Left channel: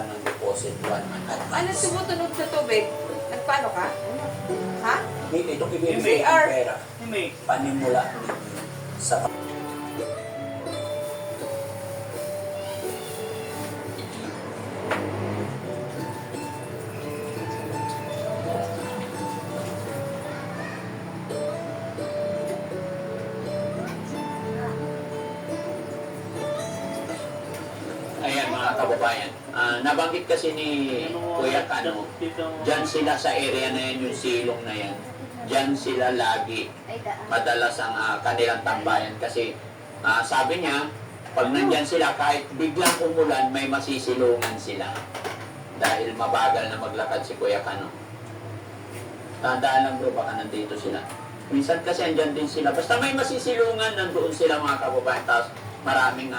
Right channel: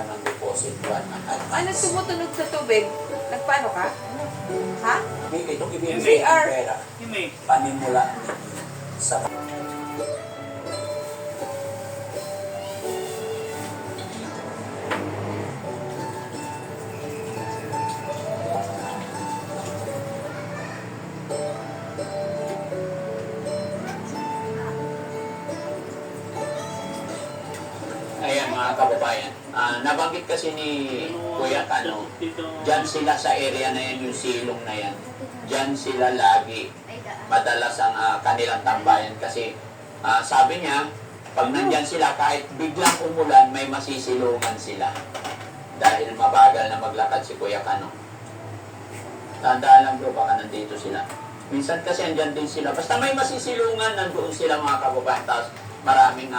buwan ng deposit buwan. Ano tumutunog sa tubig? Nagpaano ka? Ha? Itong ibigay CR. ng pera. Panimula sa Ayan mga kababayan, nabanggit kasi ni Kuya Kano, dyan sila sa area na yan, yung silong na yan. Dyan sila lagi, madalas ang kanilang tambayan kasi sabi niya, pag nandyan sila, kahit biglang umulan, may masisilungan sila. Dahil mabagal na maglakad si Kuya Kano. Tandaan lang bro, baka nandito sila. Minsan kasi andyan din sila. Basta may masisilungan, nandoon sila mga kababayan. Tapos maraming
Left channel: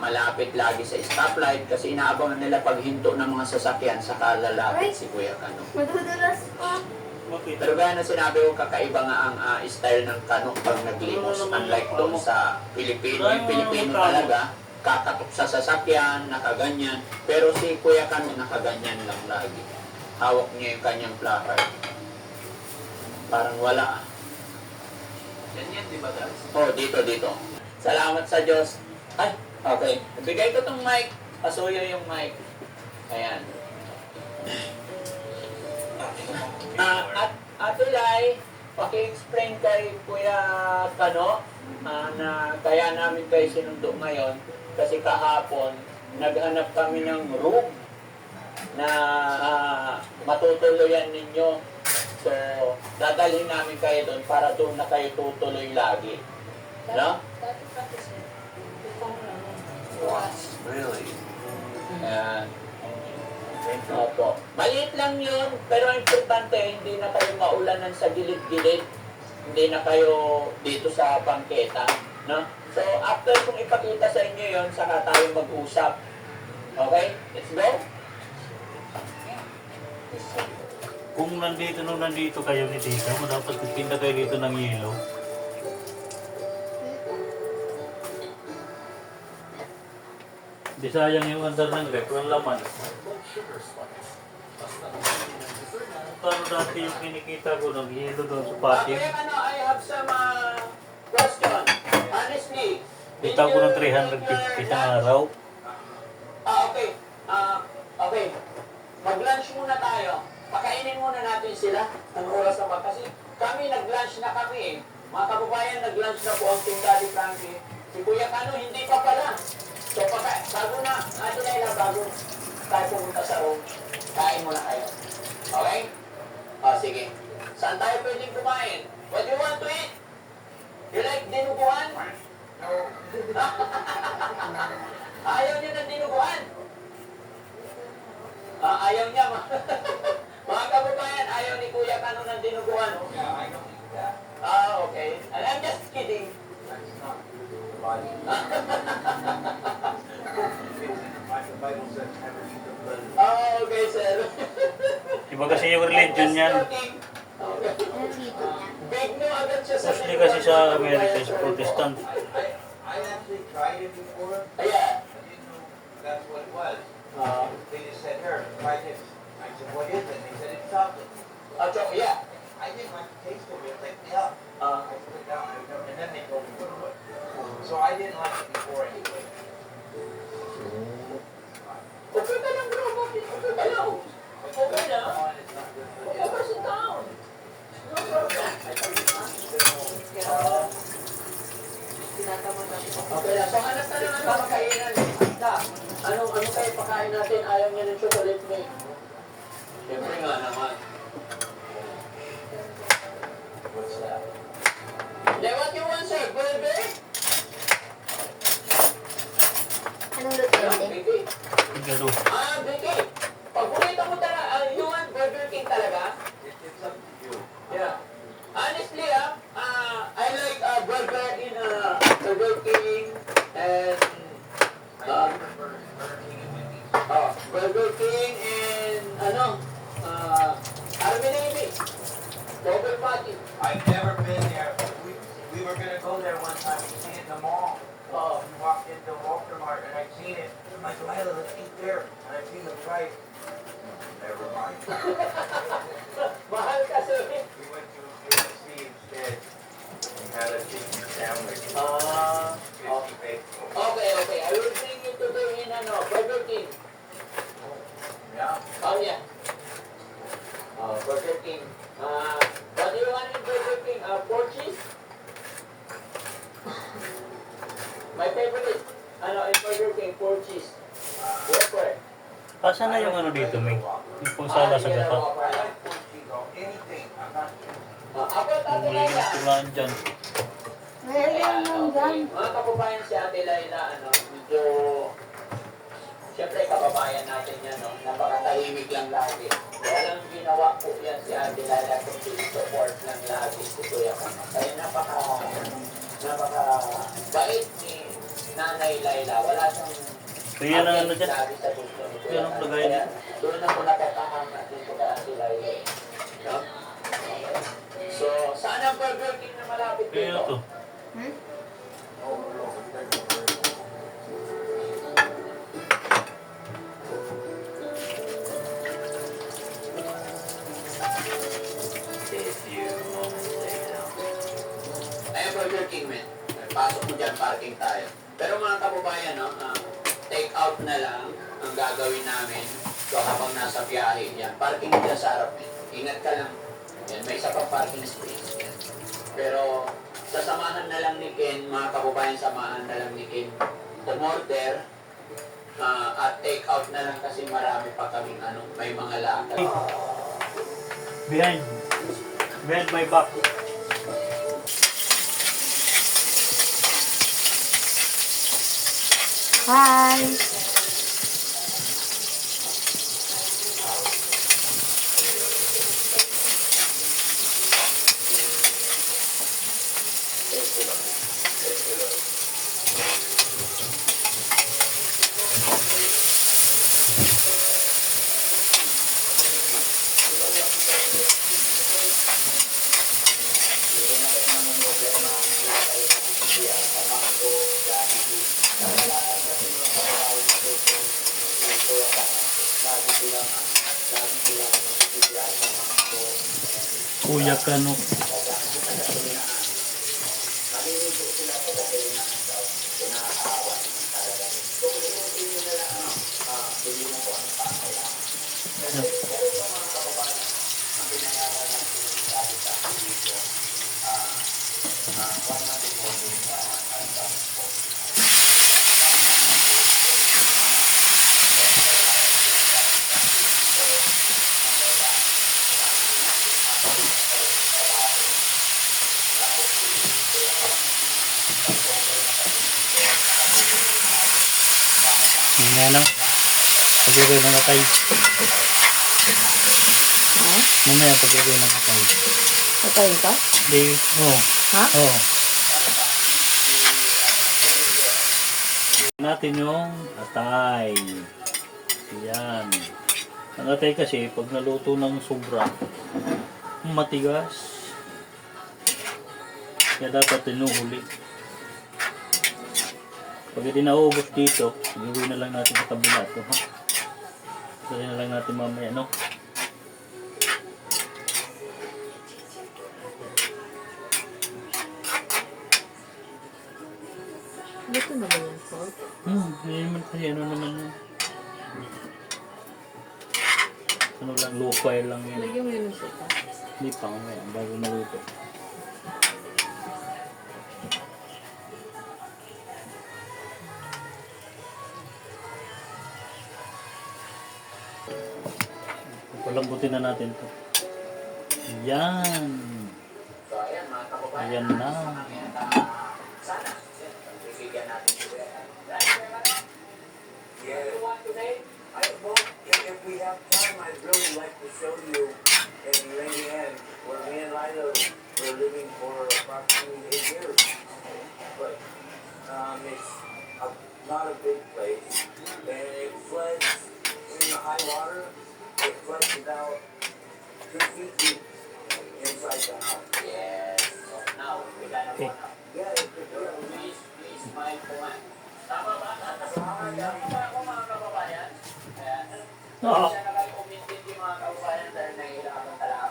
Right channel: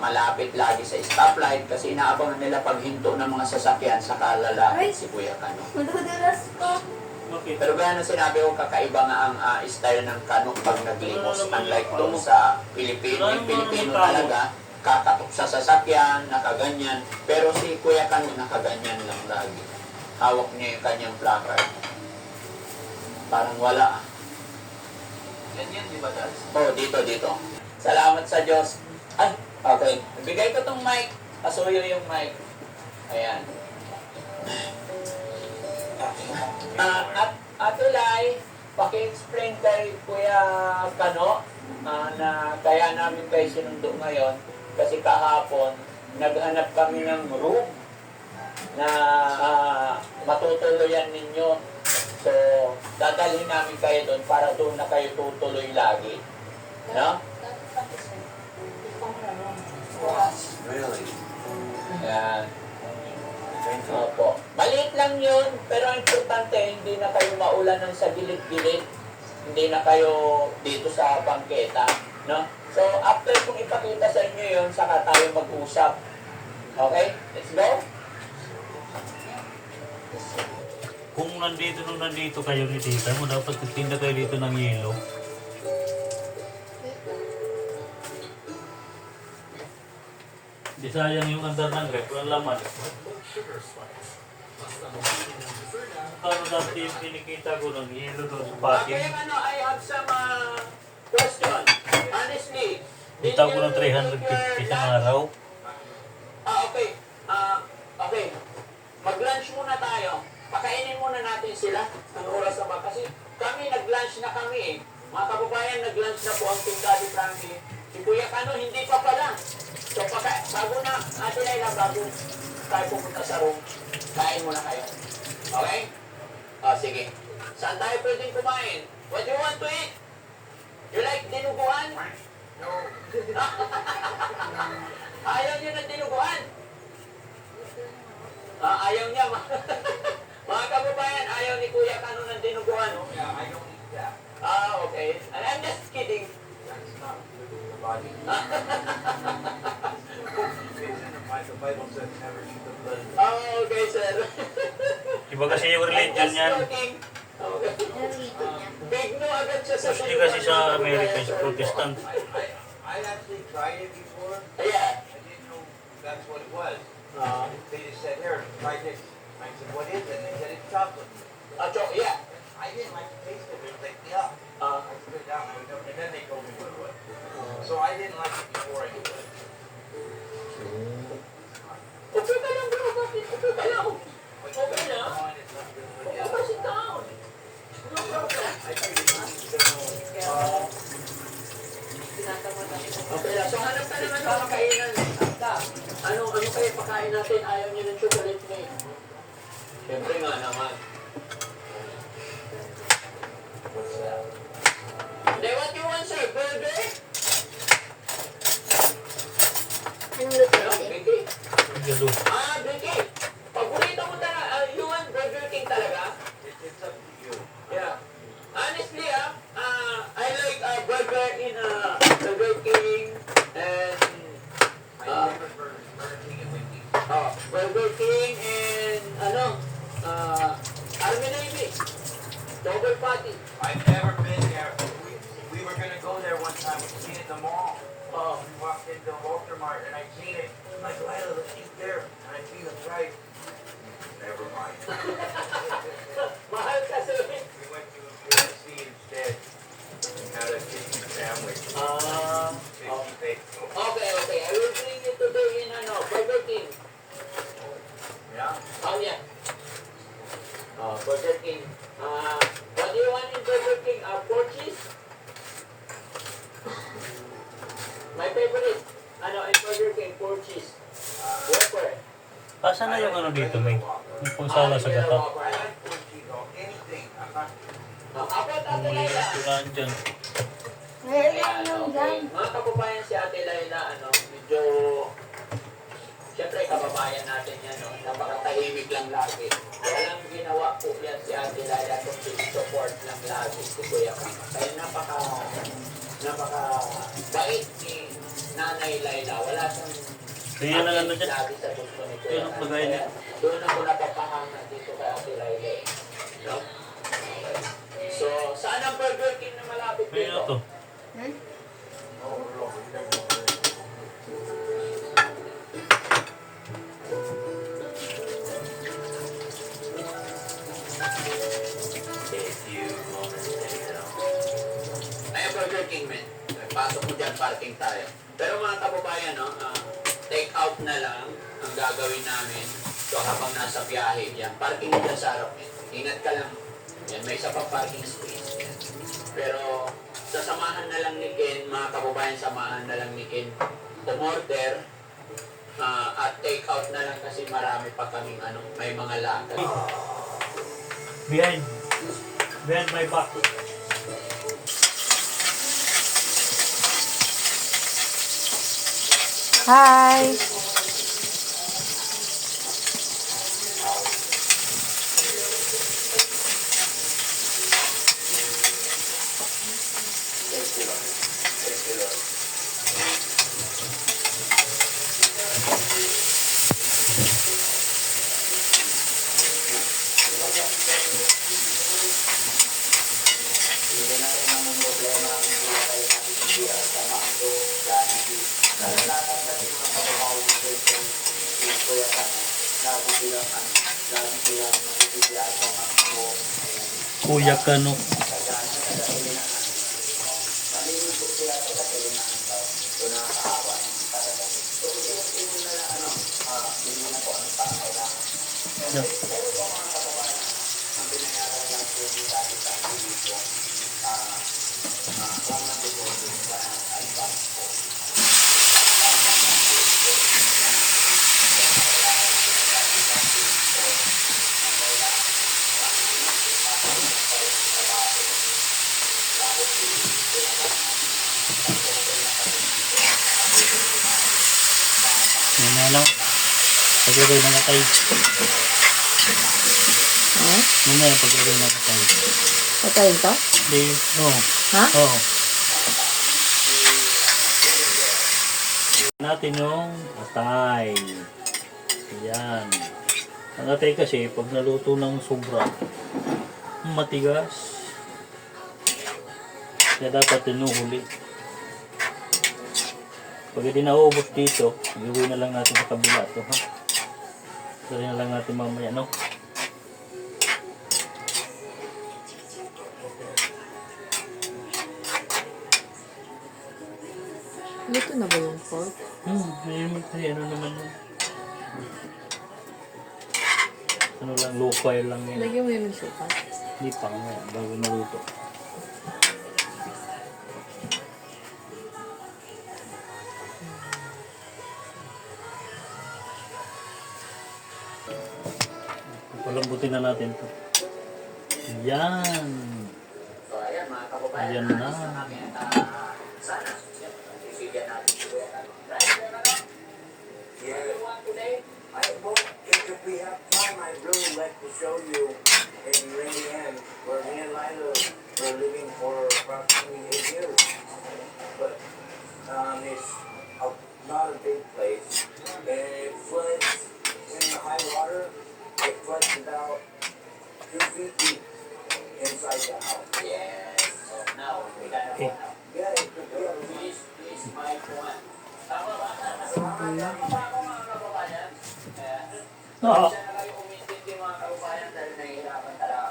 malapit lagi sa stoplight kasi inaabangan nila paghinto ng mga sasakyan sa kalalapit si Kuya Kano. Pero gaya na sinabi ko, kakaiba nga ang style ng Kano pag naglimos. Unlike doon sa Pilipino. Yung Pilipino talaga, kakatok sa sasakyan, nakaganyan. Pero si Kuya Kano nakaganyan lang lagi. Hawak niya yung kanyang placard. Parang wala. Ganyan, di ba guys? Oh, dito. Salamat sa Diyos. Ay, okay. Bigay ko tong mic. Pasuyo yung mic. Ayan. At Ate Lai, paki-explain kay Kuya Kano na kaya namin kayo sinundo ngayon kasi kahapon naghanap kami ng room na matutuluyan ninyo. So, dadalhin namin kayo doon para doon na kayo tutuloy lagi. No? Wow, really? Ayan. Opo. Maliit lang yun, pero ang importante, hindi na kayo maulanan sa gilid-gilid. Hindi na kayo dito sa bangketa. No? So, after kung ipakita sa inyo yun, saka tayo mag-usap. Okay? Let's go? Kung nandito kayo ni Tita mo, dapat magtinda kayo dito ng yelo. Di sayang yung andar ng rep, walang laman. Paano dati yung kinikita ko ng yelo doon sa patin? Okay, I have some question. Honestly, Kita ko ng 350 sa araw. Okay. Okay. Mag-lunch muna tayo. Pakainin muna natin sila. Ang oras naman. Kasi kami, nag-lunch na kami eh. Mga kababayan, nag-lunch na po ang Team Daddy Frankie. Si Kuya Kano, hindi pa pala. So, bago na, Ate Laila, bago tayo pumunta sa room, kain muna kayo. Okay? Sige. Saan tayo pwedeng kumain? What do you want to eat? You like dinuguan? No. Ayaw niyo ng dinuguan? Ayaw niya. Mga kababayan, ayaw ni Kuya Kano ng dinuguan. Okay. And I'm just kidding. Okay, sir. Iba kasi yung religion yan. Big no agad siya sa Mostly kasi sa Amerika is Protestant. I actually tried it before. Yeah. I didn't know that's what it was. They just said, here, try this. I said, what is it? They said, it's chocolate. Yeah. I didn't like the taste of it. It picked me up. I put it down, and then they told me to do it. So I didn't like it before anyway. Okay ka lang, bro. Bakit? Okay ka lang. Okay lang. Okay ka, sit down. No problem. Okay lang. So, hanap na naman ang makainan. Ano kayo pakain natin? Ayaw niya ng chocolate cake. Siyempre nga naman. What's that? Then what you want, sir? Burger? Anong luto No, ulit? Vicky. Igalo. Vicky. Paborito mo talaga, you want Burger King talaga? It's up to you. Yeah. Honestly, I like burger in Burger King and I prefer Burger King and Mickey's. Burger King and Army Navy. Double patty. I've never been there. We were going to go there one time. We seen it in the mall. Oh. We walked into Walter Mart and I've seen it. I'm like, Lila, let's eat there. And I see the price. Never mind. Mahal kasi. We went to USC instead. We had a chicken sandwich. Ah, Chicken bake. okay. I will bring you today in Burger King. Yeah. Oh, yeah. Burger King. What do you want in Burger King? Pork cheese? My favorite, in Burger King, pork cheese. Whopper. Asa na yung ano dito, may? Yung pang sala sa gata. I like pork cheese on anything. I'm not. Ako, Kung Ate malinis Laila. ko lang dyan. Meron Ayan, lang okay. dyan. Mga kababayan si Ate Laila, medyo... Siyempre, kababayan natin yan, napakatahimik lang lagi. Walang ginawa po yan si Ate Laila kung support lang lagi si Kuya Kama. Kaya napaka-bait ni Nanay Laila. Wala siyang So yan ang ano dyan. lagi sa gusto ni Kuya Yan ang Kama. pagkain Kaya niya. doon ako napapahanga dito kay Ate Laila. No? Okay. So, saan ang Burger King na malapit Kaya dito? to. Hmm? Ay, Burger King, men. Pasok mo dyan, parking tayo. Pero mga kababayan, take out na lang ang gagawin namin. So, habang nasa biyahe, yan, parking dyan sa harap, men. Ingat ka lang. Yan, may isa pang parking space. Yan. Pero, sasamahan na lang ni Ken, mga kababayan, samahan na lang ni Ken umorder at take out na lang kasi marami pa kaming may mga lakad. Behind my back. Hi! Kuya Kano. Mamaya lang. Pag-gawin ng katay. Ha? Mamaya pag-gawin ng katay. Patayin to? Hindi. Oo. Ha? Oo. Natin yung atay. Yan. Ang atay kasi, pag naluto ng sobra, matigas. Kaya dapat tinuhuli. Pag hindi naubos dito, gawin na lang natin sa kabila ito, ha? Gawin na lang natin mamaya, no? Dito na ba yung pork? Ngayon kasi ano naman yun. Ano lang, low fire lang yan. Lagyan mo yun ng suka. Hindi pa mamaya, bago naluto. Palambutin na natin to. Yan. So, ayan, mga kababayan. Ayan na. Sana, bibigyan natin si Kuya Kano. Right, Kuya Kano? Yeah. You want today? If we have time, I'd really like to show you in Rainy where me and Lila were living for approximately 8 years. But it's not a big place, and it floods in the high water. It floods about 2 feet deep inside the house. Yes. Now, we got Okay. Please, my point. Oo.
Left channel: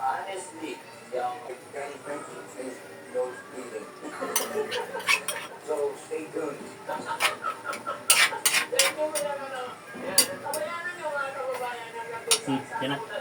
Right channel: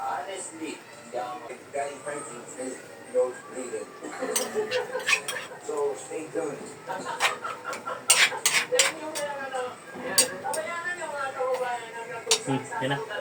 Honestly, Daddy Frankie is those bleeding. So stay tuned. Yan na.